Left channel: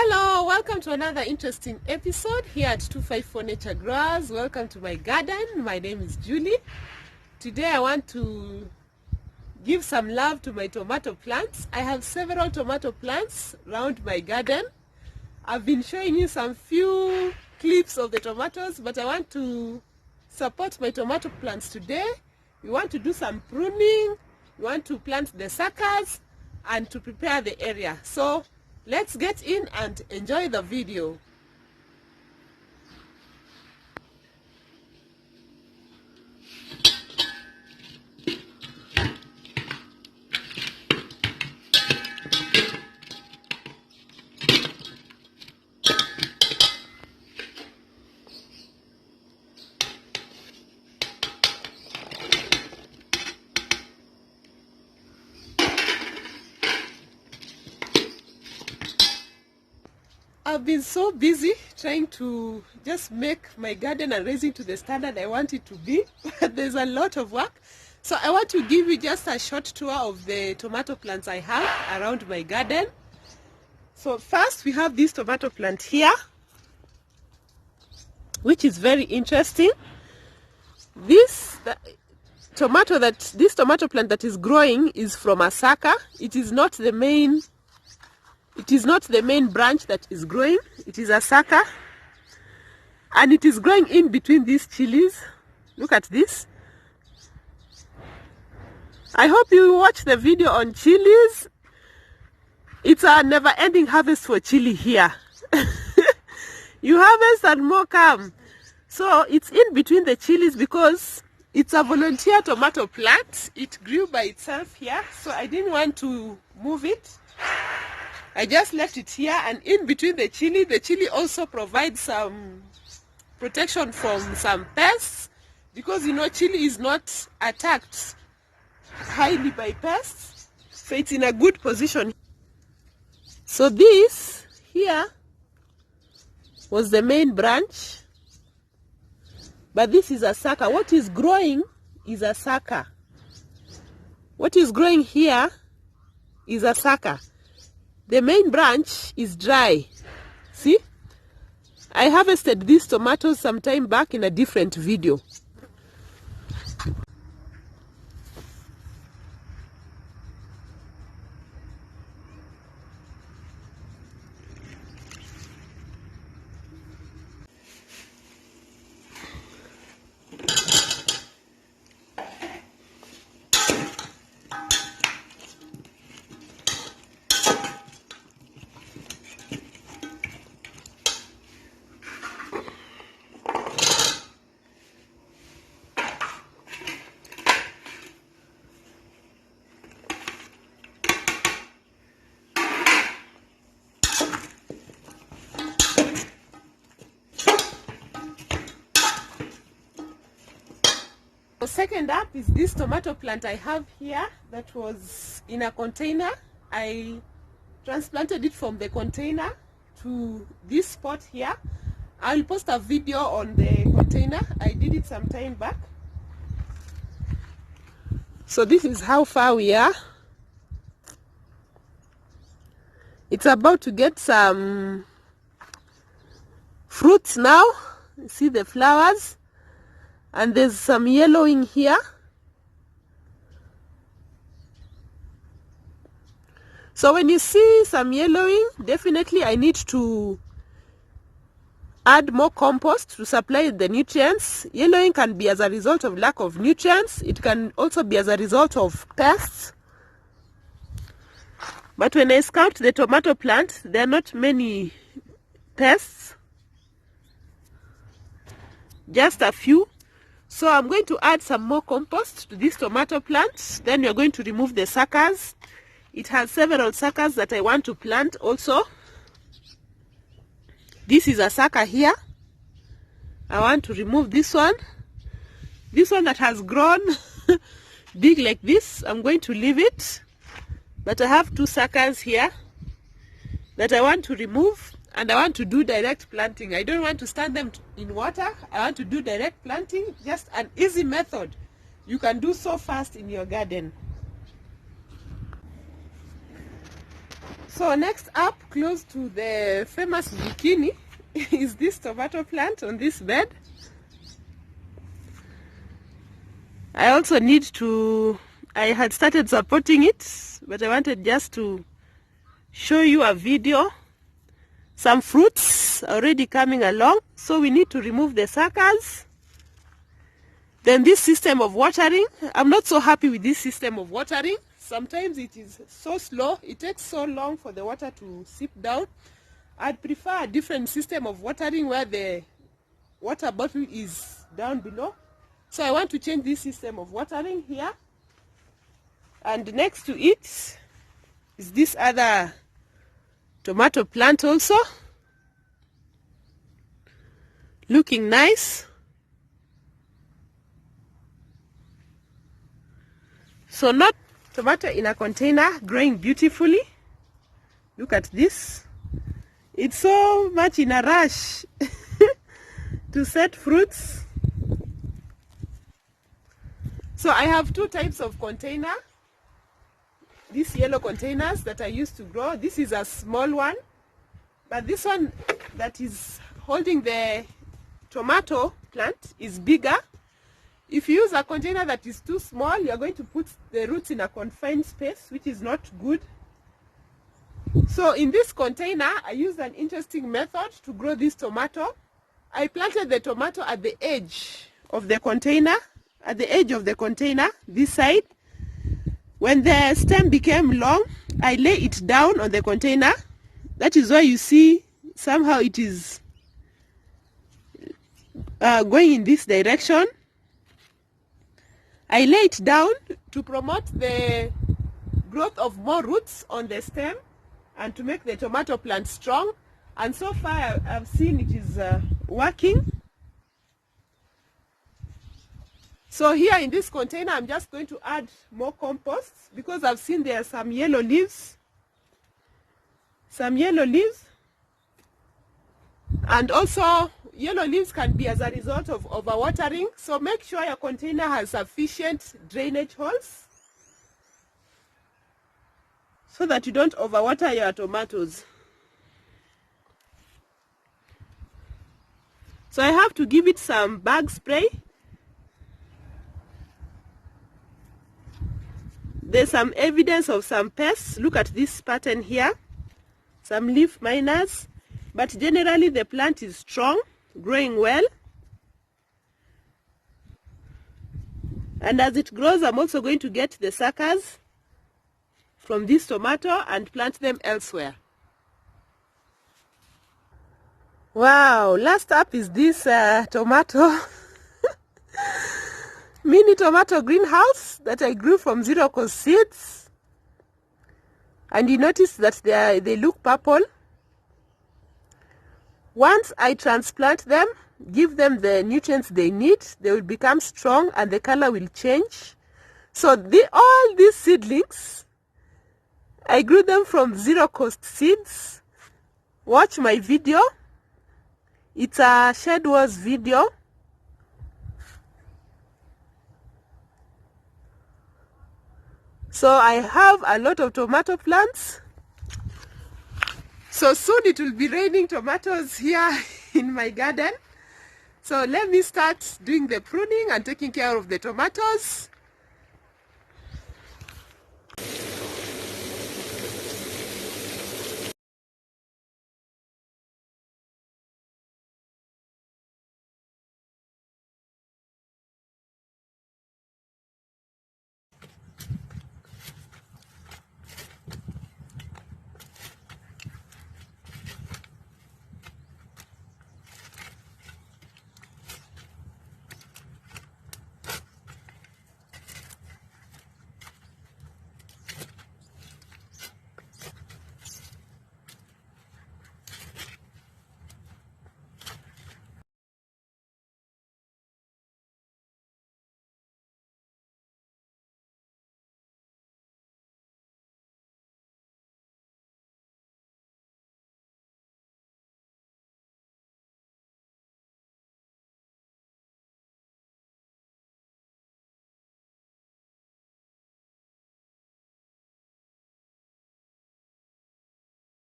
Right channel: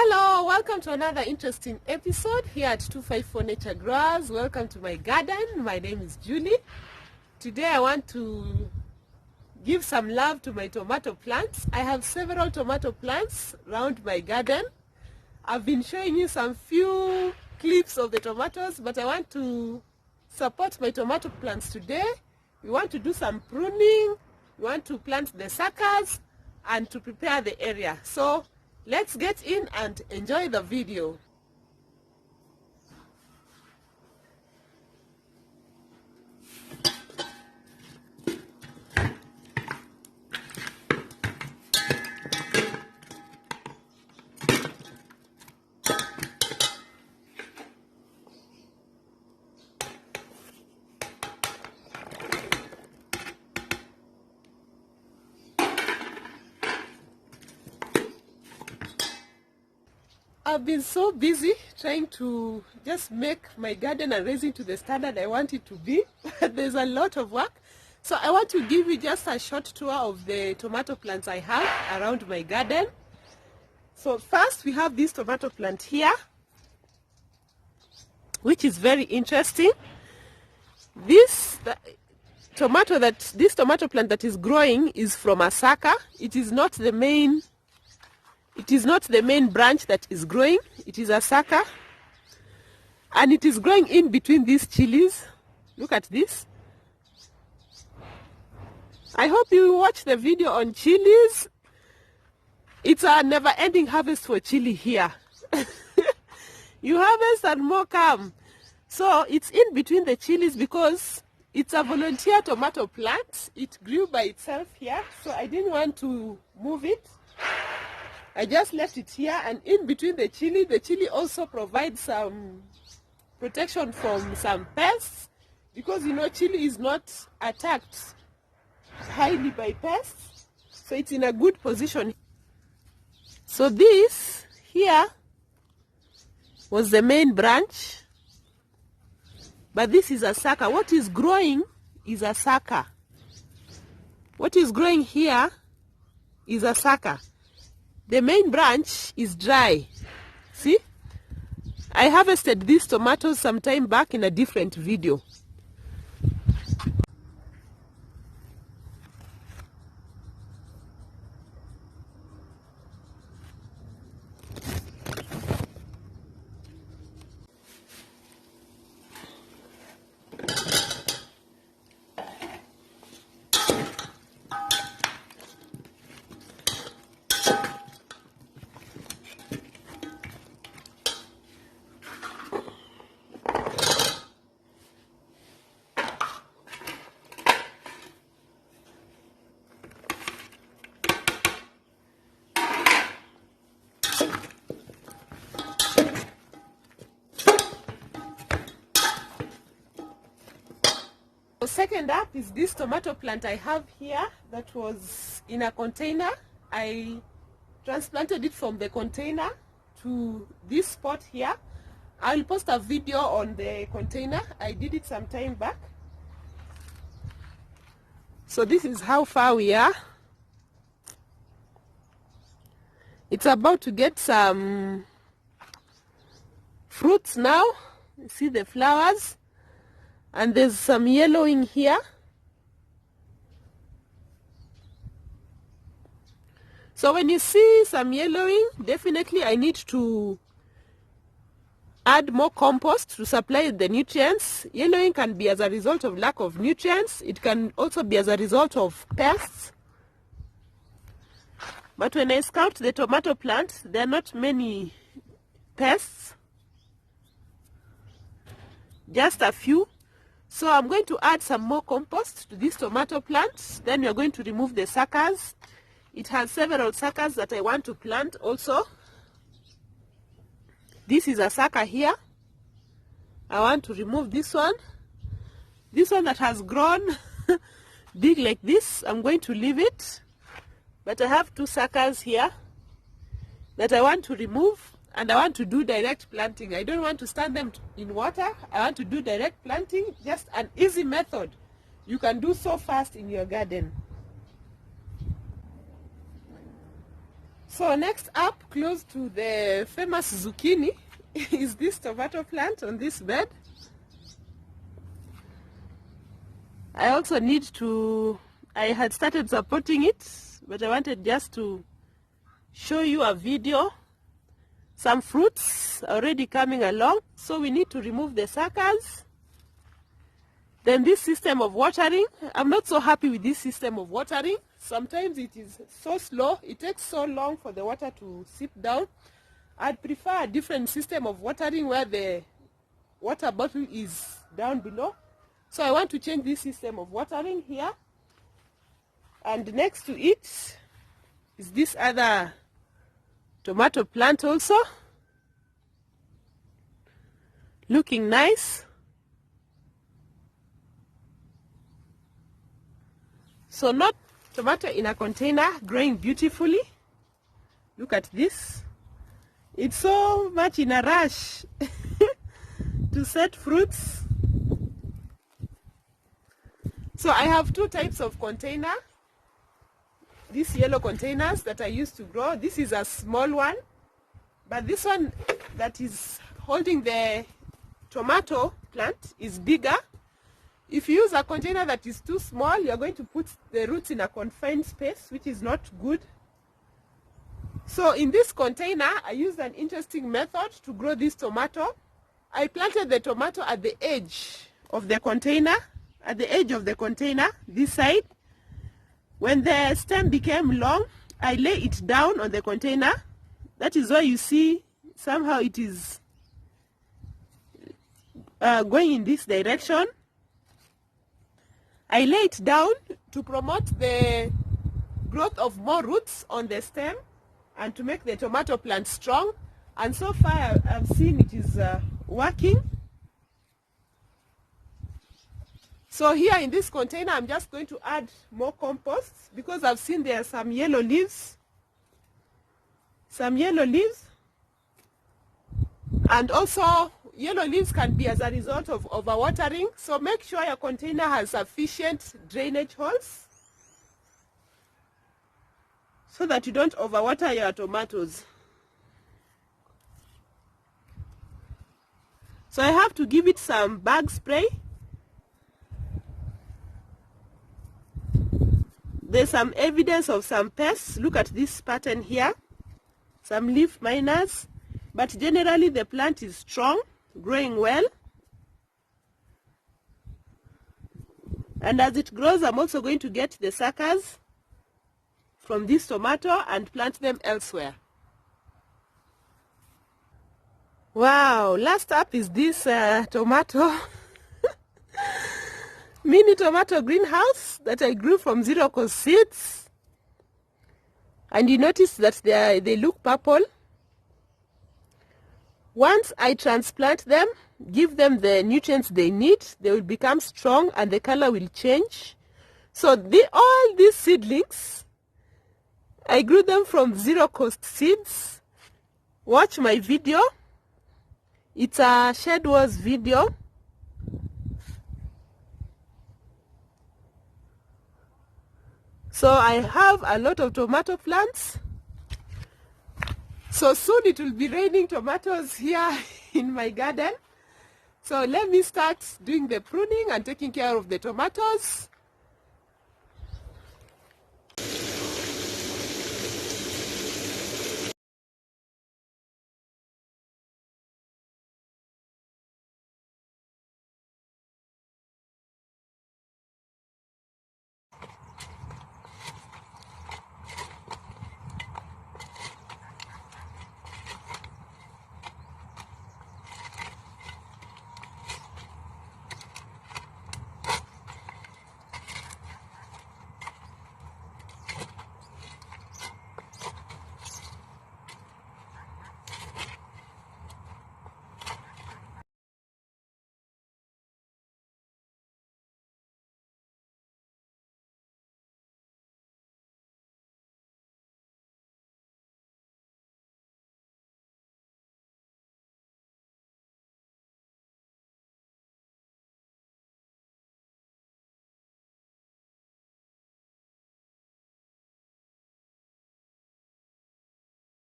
Hello, welcome to another interesting episode here at 254 Nature Growers. Welcome to my garden. My name is Julie. Today I want to give some love to my tomato plants. I have several tomato plants around my garden. I've been showing you some few clips of the tomatoes, but I want to support my tomato plants today. We want to do some pruning, we want to plant the suckers and to prepare the area. So let's get in and enjoy the video. I've been so busy trying to just make my garden and raising to the standard I want it to be, but there's a lot of work. So I want to give you just a short tour of the tomato plants I have around my garden. So first we have this tomato plant here, which is very interesting. This tomato plant that is growing is from a sucker. It is not the main branch that is growing. It is a sucker, and it is growing in between these chilies. Look at this. I hope you watch the video on chilies. It's a never-ending harvest for chili here. You harvest and more come. So it's in between the chilies because it's a volunteer tomato plant. It grew by itself here, so I didn't want to move it. I just left it here, and in between the chili also provides some protection from some pests, because you know chili is not attacked highly by pests, so it's in a good position. So this here was the main branch, but this is a sucker. What is growing is a sucker. What is growing here is a sucker. The main branch is dry. See? I harvested these tomatoes some time back in a different video. Second up is this tomato plant I have here that was in a container. I transplanted it from the container to this spot here. I'll post a video on the container. I did it some time back. So this is how far we are. It's about to get some fruits now. You see the flowers. And there's some yellowing here. So when you see some yellowing, definitely I need to add more compost to supply the nutrients. Yellowing can be as a result of lack of nutrients. It can also be as a result of pests. But when I scout the tomato plant, there are not many pests. Just a few. So I'm going to add some more compost to this tomato plant. Then we're going to remove the suckers. It has several suckers that I want to plant also. This is a sucker here. I want to remove this one. This one that has grown big like this, I'm going to leave it. But I have two suckers here that I want to remove. And I want to do direct planting. I don't want to stand them in water. I want to do direct planting, just an easy method. You can do so fast in your garden. So next up, close to the famous zucchini, is this tomato plant on this bed. I also need to, I had started supporting it, but I wanted just to show you a video. Some fruits already coming along, so we need to remove the suckers. Then this system of watering, I'm not so happy with this system of watering. Sometimes it is so slow, it takes so long for the water to seep down. I'd prefer a different system of watering where the water bottle is down below. So I want to change this system of watering here. And next to it is this other tomato plant also. Looking nice. So not tomato in a container, growing beautifully. Look at this. It's so much in a rush to set fruits. So I have two types of container. These yellow containers that I used to grow. This is a small one, but this one that is holding the tomato plant is bigger. If you use a container that is too small, you are going to put the roots in a confined space, which is not good. So in this container, I used an interesting method to grow this tomato. I planted the tomato at the edge of the container, this side. When the stem became long, I lay it down on the container. That is why you see somehow it is going in this direction. I lay it down to promote the growth of more roots on the stem and to make the tomato plant strong. And so far I'm seeing it is working. So here in this container, I'm just going to add more compost because I've seen there are some yellow leaves. And also yellow leaves can be as a result of overwatering. So make sure your container has sufficient drainage holes so that you don't overwater your tomatoes. So I have to give it some bug spray. There's some evidence of some pests. Look at this pattern here. Some leaf miners. But generally the plant is strong, growing well. And as it grows, I'm also going to get the suckers from this tomato and plant them elsewhere. Wow, last up is this tomato. Mini tomato greenhouse that I grew from zero-cost seeds. And you notice that they look purple. Once I transplant them, give them the nutrients they need, they will become strong and the color will change. So all these seedlings, I grew them from zero-cost seeds. Watch my video. It's a Shed Wars video. So I have a lot of tomato plants. So soon it will be raining tomatoes here in my garden. So let me start doing the pruning and taking care of the tomatoes.